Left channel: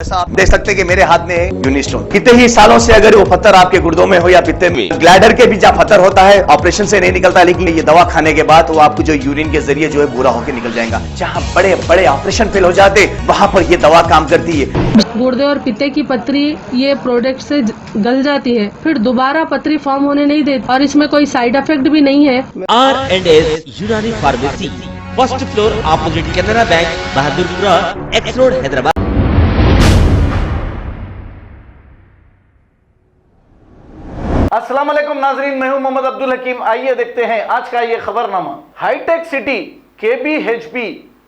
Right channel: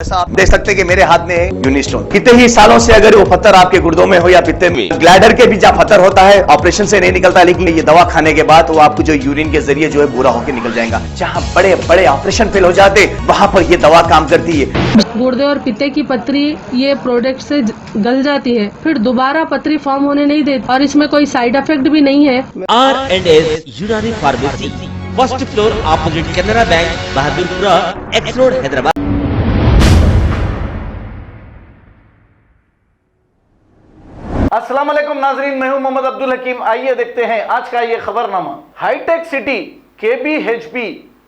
जैसा आप देख सकते हैं कि मेरे हाथ में है यूनिस्टोन। कितने ही सालों से अगर वो पत्थर आपके गुर्दों में हो या पित्ते में, ग्लैडर के भी जहाँ पत्थर होता है ऑपरेशन से नहीं निकलता, लेकिन ये दवा खाने के बाद वो आपको जो यूरिन के जरिए जो है बुरा होकर निकल जाएगा। जहाँ बड़े बड़े ऑपरेशन फेल हो जाते वहां पर ये दवा काम करती है। गुर्दे और पित्ते की पथरी ये प्रोडक्ट से गल जाती है, फिर दोबारा पथरी फॉर्म होने नहीं देती और इसमें कोई साइड इफेक्ट भी नहीं है। R&S यूनानी pharmacy, first floor opposite Canara bank, Bahadurpura, x road, Hyderabad. अस्सलाम वालेकुम नाजरीन, मैं हूं मोहम्मद अब्दुल हकीम। आइए देखते हैं आज का ये खबरनामा। हाईटेक सिटी KBHP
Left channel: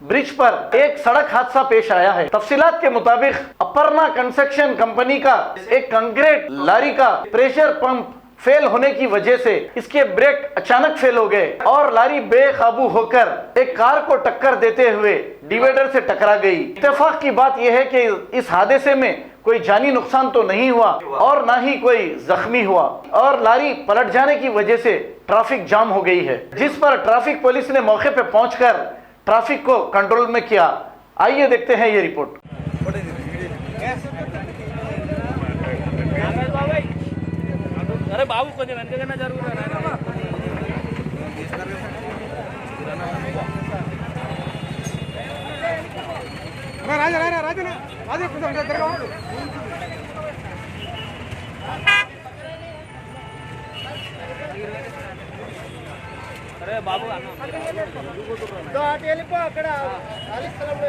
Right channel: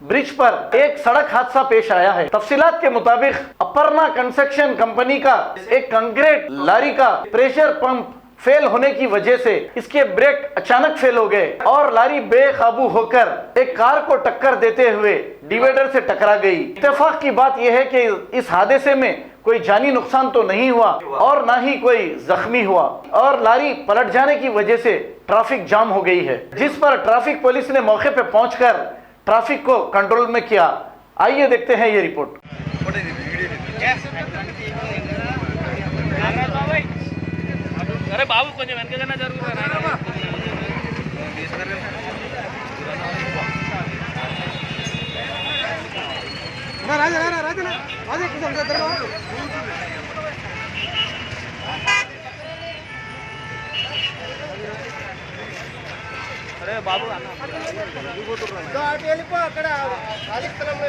ब्रिज पर एक सड़क हादसा पेश आया है। तफसीलात के मुताबिक अपर्णा कंस्ट्रक्शन कंपनी का एक कंक्रीट लारी का प्रेशर पंप फेल होने की वजह से इसके ब्रेक अचानक फेल हो गए और लारी बेकाबू होकर एक कार को टक्कर देते हुए डिवाइडर से टकरा गई। इत्तेफाक की बात यह है कि इस हादसे में कोई जानी नुकसान तो नहीं हुआ और ना ही कोई जख्मी हुआ और लारी पलट जाने की वजह से ट्रैफिक जाम हो गई है, जिस पर ट्रैफिक पुलिस ने मौके पर पहुंचकर ट्रैफिक को कंट्रोल में किया। आइए देखते हैं ये रिपोर्ट। अरे बाबू కొంచెం వెనకగానే జరుగుతారా రాజా కొంచెం దగ్గరగా అరే బాబు అన్న వెళ్ళిపో అక్కడ ఆదిత్యరావు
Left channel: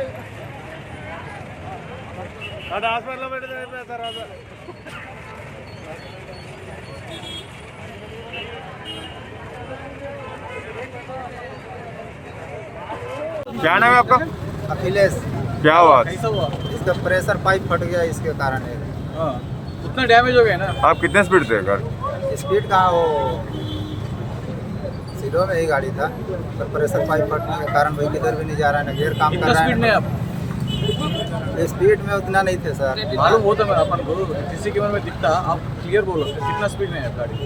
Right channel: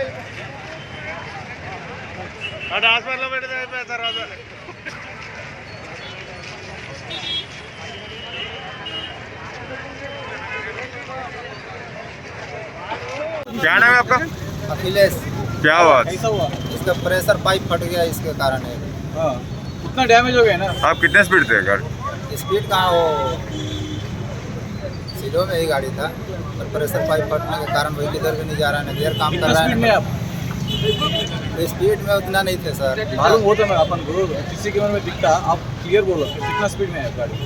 అక్కడ హాస్పిటల్లో పెడితే తర్వాత क्या नाम है आपका? अखिलेश। क्या बात? इसका प्रेशर पाइप फट गया, इसके कारण है। इतना डैमेज हो गया ना। आप कितने स्पीड थे गाड़ी? स्पीड कहाँ, वो सीधो में ही गाड़ी था, पर प्रेशर पाइप फटने के कारण वही किधर भी नहीं जा रहा है, ना गियर काम कर रहा है। स्पीड में उतना नहीं थे सर। मालूम वो तो मैं अपन बोलो किसी के मन में दिखता, आप क्लियर बोलो कितना स्पीड में है गाड़ी।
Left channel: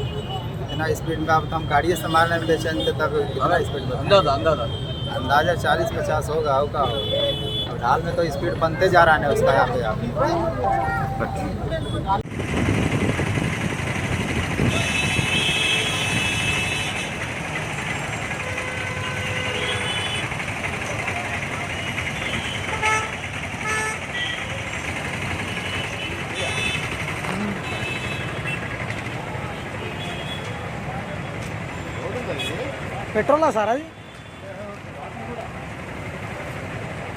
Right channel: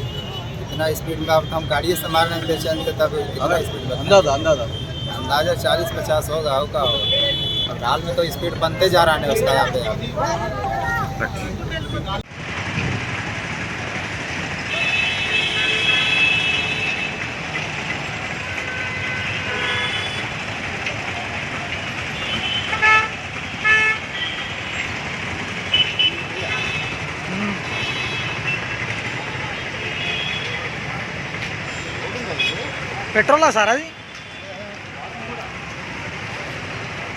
इतना स्पीड में अब हम गाड़ी संभालने में बेचैन थे, तब कितना स्पीड अंदाजा अंदाजा 40-50 होगा होगा। और हाल में तो स्पीड बनते जा रहा है उसका यहाँ पे आप। పెట్రోలా సార్ అది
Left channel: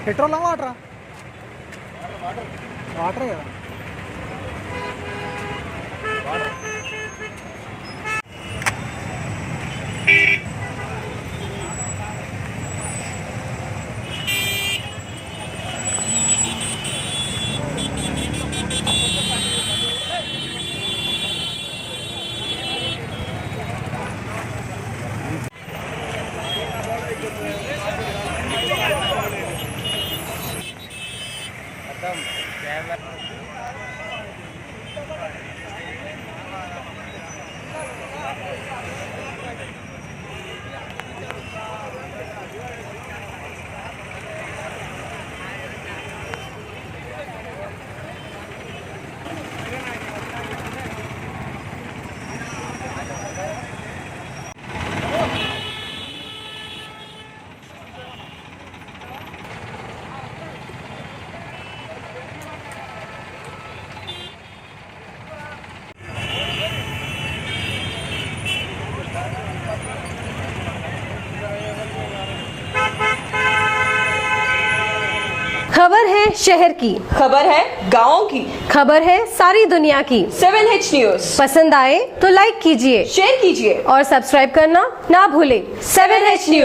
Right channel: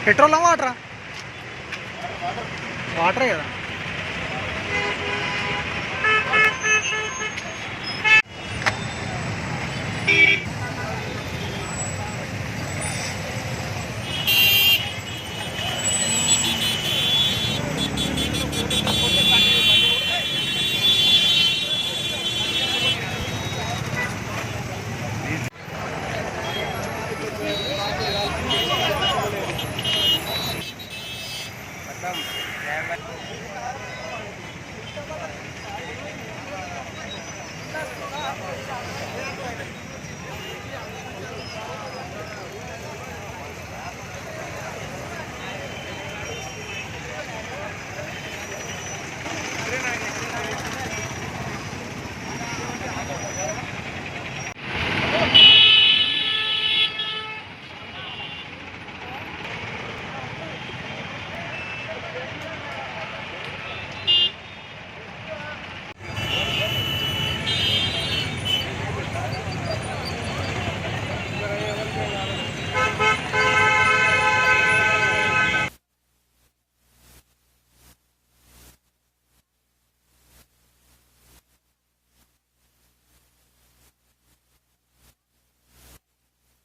పెట్రోలా వాటరా వాటరే కదా खबर है शहर की, खबर है गाँव की, खबर है सारी दुनिया की। 7H न्यूज पसंद आए तो लाइक कीजिए, शेयर कीजिए और सब्सक्राइब करना ना भूलें। 7H news.